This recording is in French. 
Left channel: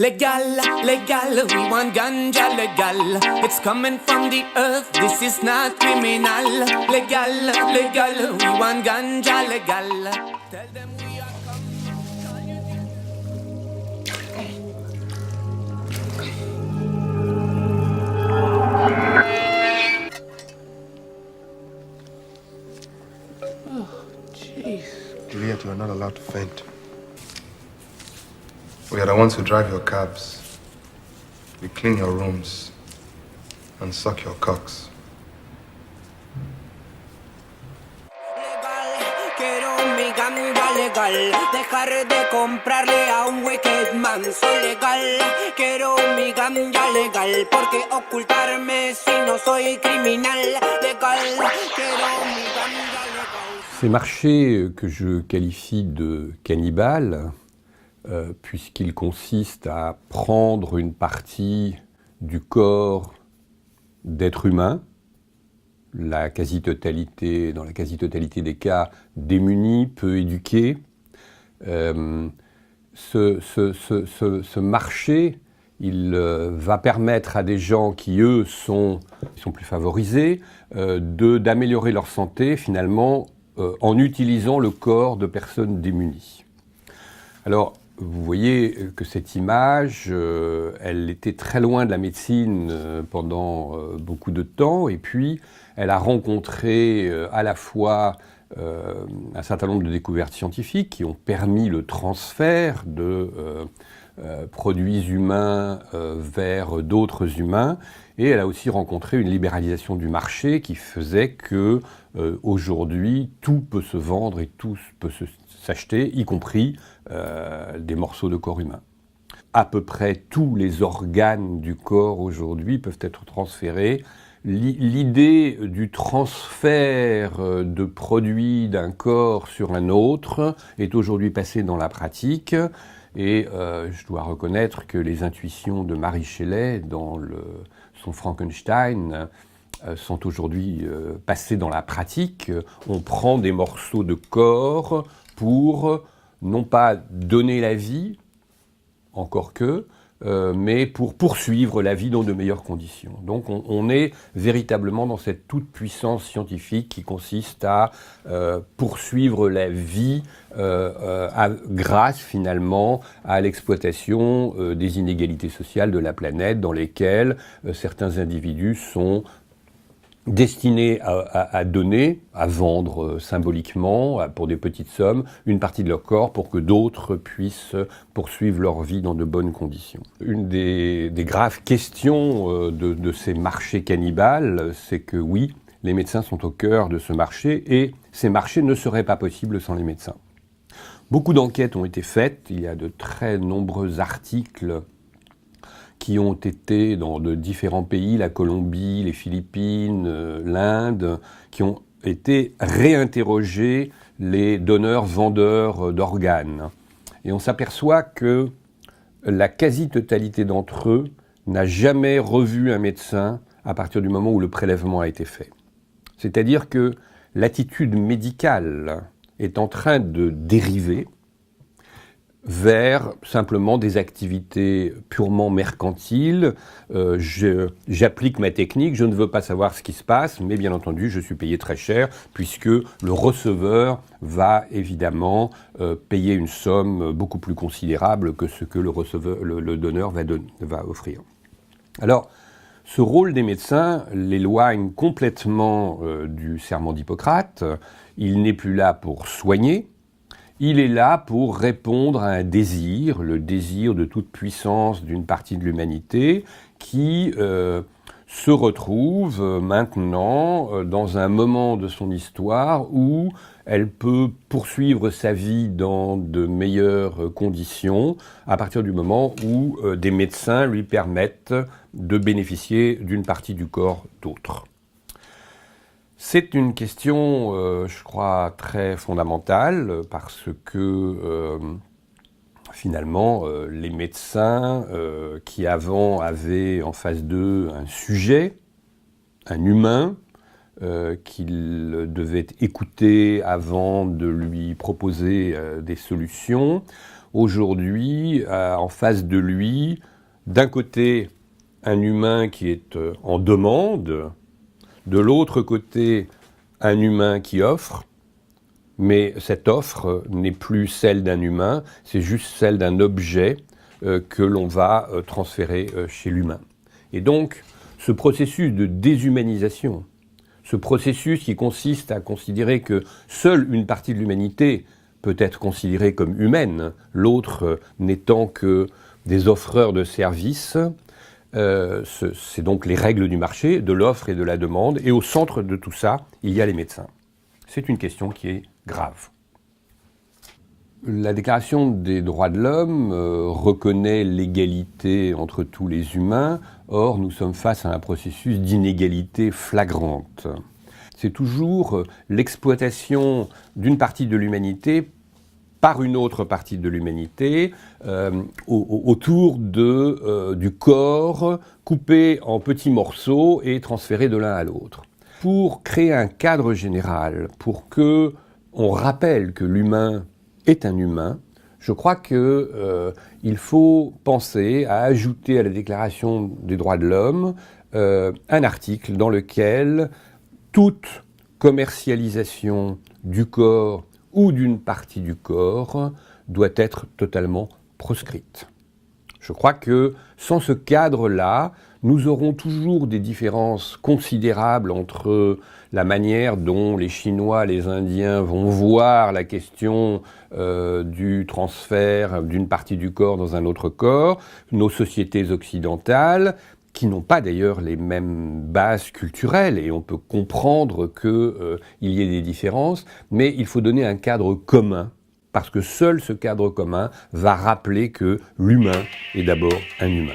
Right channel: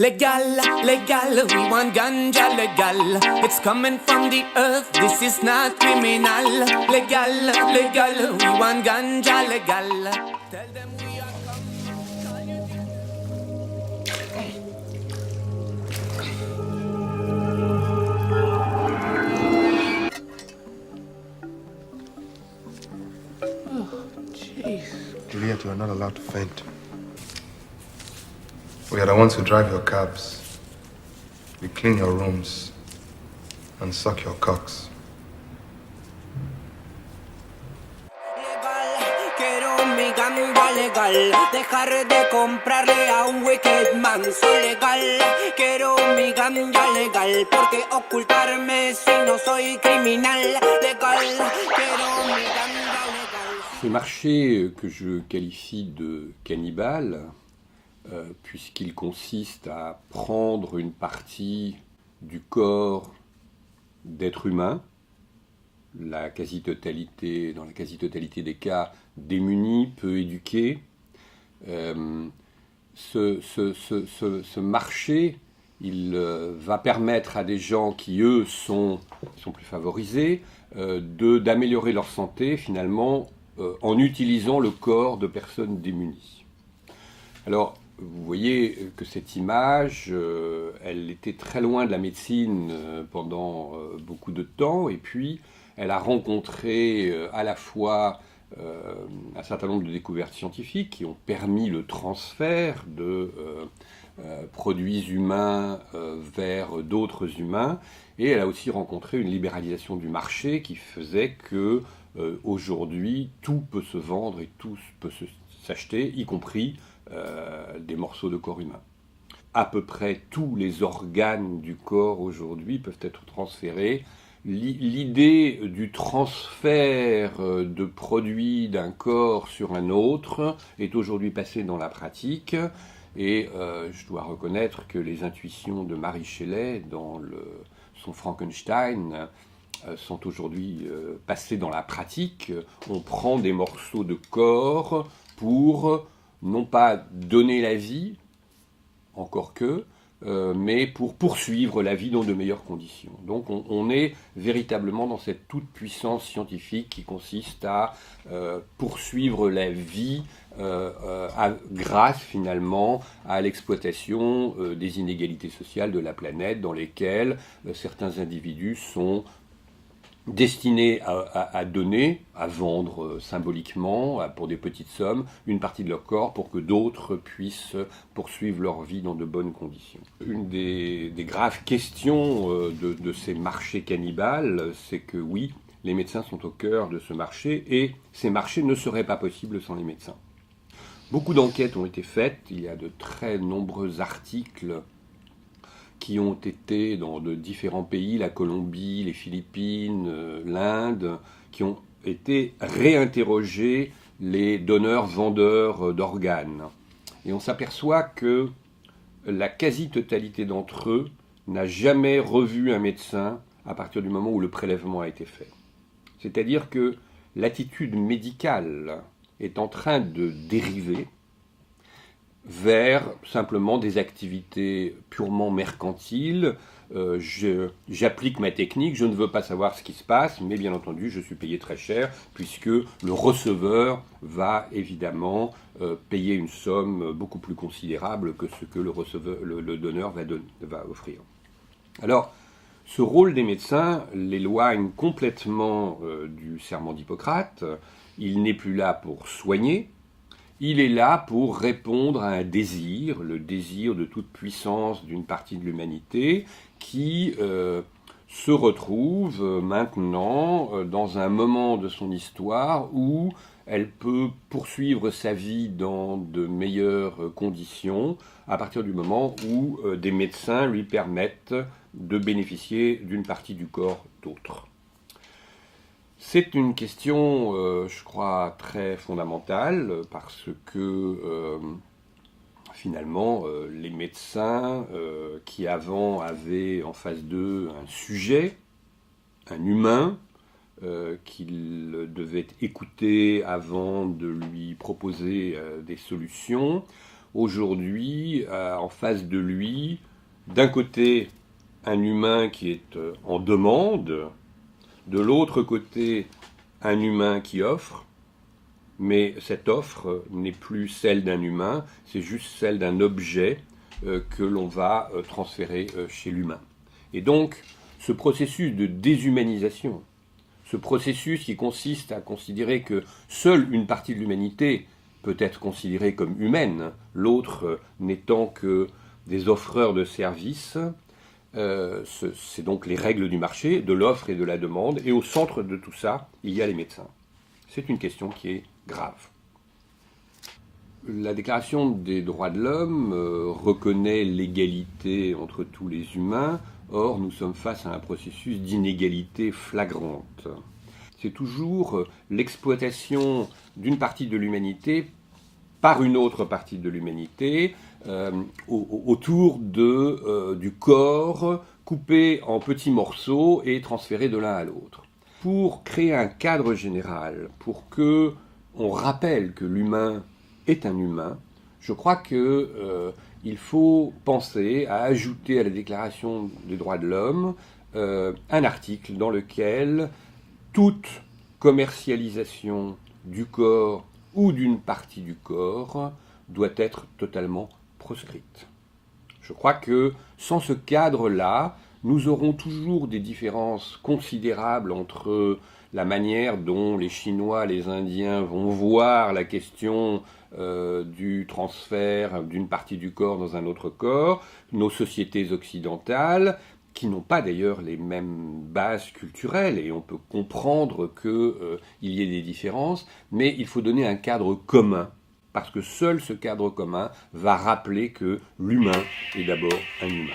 Legal, legal, we want ganja legal. It's coming from the earth, this is not criminal. Legal, legal, we want ganja legal. Tell them we are Juliet, you are not allowed to faint. We are the ones who drive your cabs. We clean your rooms and suck your cocks. legal, quiero mi ganja legal. Dejar de comprarle a un wicked man. Soy legal, quiero mi ganja legal. Porque ocultarme si no soy criminal. Legal, quiero mi ganja legal. Ces marchés que je qualifie de cannibales, puisqu'ils consistent à prendre une partie du corps d'êtres humains, dans la quasi-totalité des cas démunis, peu éduqués. Ce marché, il va permettre à des gens qui, eux, sont plus favorisés, d'améliorer leur santé, finalement, en utilisant le corps de personnes démunies. Alors, vous voyez que cette image, elle était très loin de la médecine pendant beaucoup de temps, et puis elle a rencontré à la fois un certain nombre de découvertes scientifiques qui ont permis le transfert de produits humains vers d'autres humains, et elle a aussi rencontré une libéralisation du marché qui faisait que aujourd'hui tout peut se vendre et tout peut s'acheter, y compris des morceaux de corps humain. À peu près tous les organes du corps aujourd'hui peuvent être transférés. L'idée du transfert de produits d'un corps sur un autre est aujourd'hui passée dans la pratique, et je dois reconnaître que les intuitions de Mary Shelley dans son Frankenstein sont aujourd'hui passées dans la pratique. On prend des morceaux de corps pour non pas donner la vie, encore que, mais pour poursuivre la vie dans de meilleures conditions. Donc on est véritablement dans cette toute-puissance scientifique qui consiste à poursuivre la vie grâce finalement à l'exploitation des inégalités sociales de la planète, dans lesquelles certains individus sont destinés à donner, à vendre symboliquement, pour des petites sommes, une partie de leur corps pour que d'autres puissent poursuivre leur vie dans de bonnes conditions. Une des graves questions de ces marchés cannibales, c'est que oui, les médecins sont au cœur de ce marché, et ces marchés ne seraient pas possibles sans les médecins. Beaucoup d'enquêtes ont été faites, il y a de très nombreux articles qui ont été dans de différents pays, la Colombie, les Philippines, l'Inde, qui ont été réinterroger les donneurs-vendeurs d'organes. Et on s'aperçoit que la quasi-totalité d'entre eux n'a jamais revu un médecin à partir du moment où le prélèvement a été fait. C'est-à-dire que l'attitude médicale est en train de dériver vers simplement des activités purement mercantiles. J'applique ma technique, je ne veux pas savoir ce qui se passe, mais bien entendu, je suis payé très cher, puisque le receveur va évidemment payer une somme beaucoup plus considérable que ce que le donneur va offrir. Alors, ce rôle des médecins l'éloigne complètement du serment d'Hippocrate. Il n'est plus là pour soigner. Il est là pour répondre à un désir, le désir de toute puissance d'une partie de l'humanité qui se retrouve maintenant dans un moment de son histoire où elle peut poursuivre sa vie dans de meilleures conditions à partir du moment où des médecins lui permettent de bénéficier d'une partie du corps d'autres. C'est une question, je crois, très fondamentale, parce que finalement, les médecins qui avant avaient en face d'eux un sujet, un humain, qu'ils devaient écouter avant de lui proposer des solutions, aujourd'hui en face de lui, d'un côté, un humain qui est en demande, de l'autre côté, un humain qui offre, mais cette offre n'est plus celle d'un humain, c'est juste celle d'un objet que l'on va transférer chez l'humain. Et donc, ce processus de déshumanisation, ce processus qui consiste à considérer que seule une partie de l'humanité peut être considérée comme humaine, l'autre n'étant que des offreurs de services, c'est donc les règles du marché, de l'offre et de la demande, et au centre de tout ça, il y a les médecins. C'est une question qui est grave. La Déclaration des droits de l'homme reconnaît l'égalité entre tous les humains, or nous sommes face à un processus d'inégalité flagrante. C'est toujours l'exploitation d'une partie de l'humanité par une autre partie de l'humanité autour du corps coupé en petits morceaux et transféré de l'un à l'autre. Pour créer un cadre général, pour que on rappelle que l'humain est un humain, je crois qu'il faut penser à ajouter à la Déclaration des droits de l'homme un article dans lequel toute commercialisation du corps ou d'une partie du corps doit être totalement proscrite. Je crois que sans ce cadre-là, nous aurons toujours des différences considérables entre la manière dont les Chinois, les Indiens vont voir la question du transfert d'une partie du corps dans un autre corps, nos sociétés occidentales, qui n'ont pas d'ailleurs les mêmes bases culturelles, et on peut comprendre qu'il y ait des différences, mais il faut donner un cadre commun, parce que seul ce cadre commun va rappeler que l'humain est d'abord un humain.